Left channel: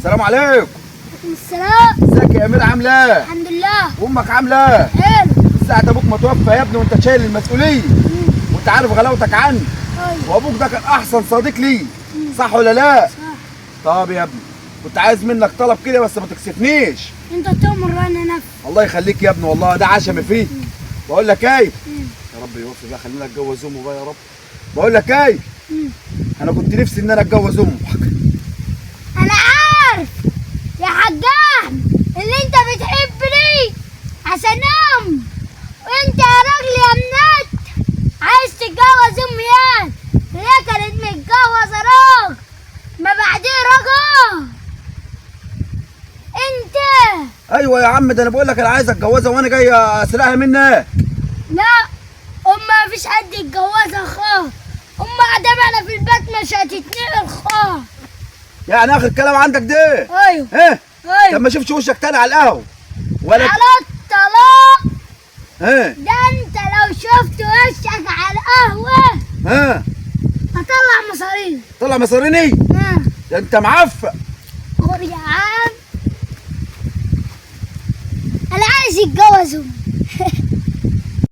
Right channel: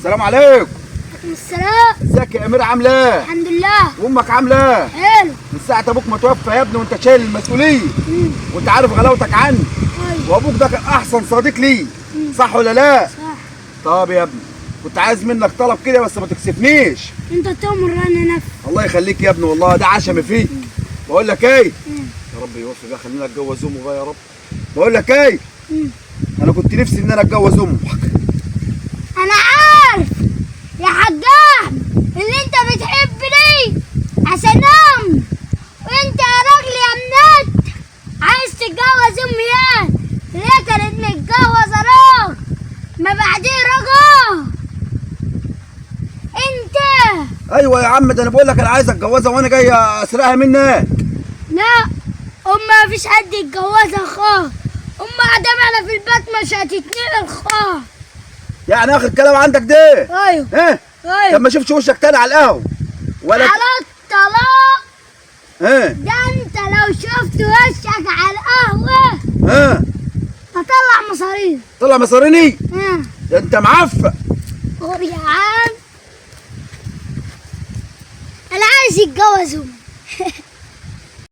السلام عليكم. عليكم السلام. ازيك يا امير، عامله ايه؟ الحمد لله. وامك عامله ايه؟ حلو. من ساعه ابوك ما توفى يا ابني وانت شايل المسؤوليه وانت عارف غلاوتك عني، طيب. وابوك ده كان احسن صديق لي، صح ولا لا؟ صح. طب يا ابني كنت عايز منك طلب كده بس ما تكسفنيش. انت تؤمر انا نفسي. الله يخليك يا ابني، والله ده عشمي فيه. بقول لك ايه؟ يا رب يوفق بقى، خلينا اتجوز امه بقى يا رب. بقول لك ايه؟ انا كنت نفسي ان انا اتجوز امك. انا عارف يا حجام اللي انت بتحبني عشان ام، وانت يا راجل يا منات عايز تتجوز امي يعني. ليه كانت متجوزه راجل ما بعديه رجل انت. ايوه يا عم، ده انا بقول لك انا عايز اتجوزها وانا جاي اسرقها منك. لا ما فيش حد يتجوزها خالص. قاعده معنا في البيت مش هتتنقل خالص. يعني اخر كلام عندك ده؟ ايوه. ها؟ ايوه. طب ما اشوفش وشك تاني على القهوه ولا على الطلاق. ها؟ ده انت لو شفت وشك على القهوه ها؟ هطلع مصاريف. طلع مصاريني؟ ها ده انت معفق. قول يا عم انا عايز يتجوز امي.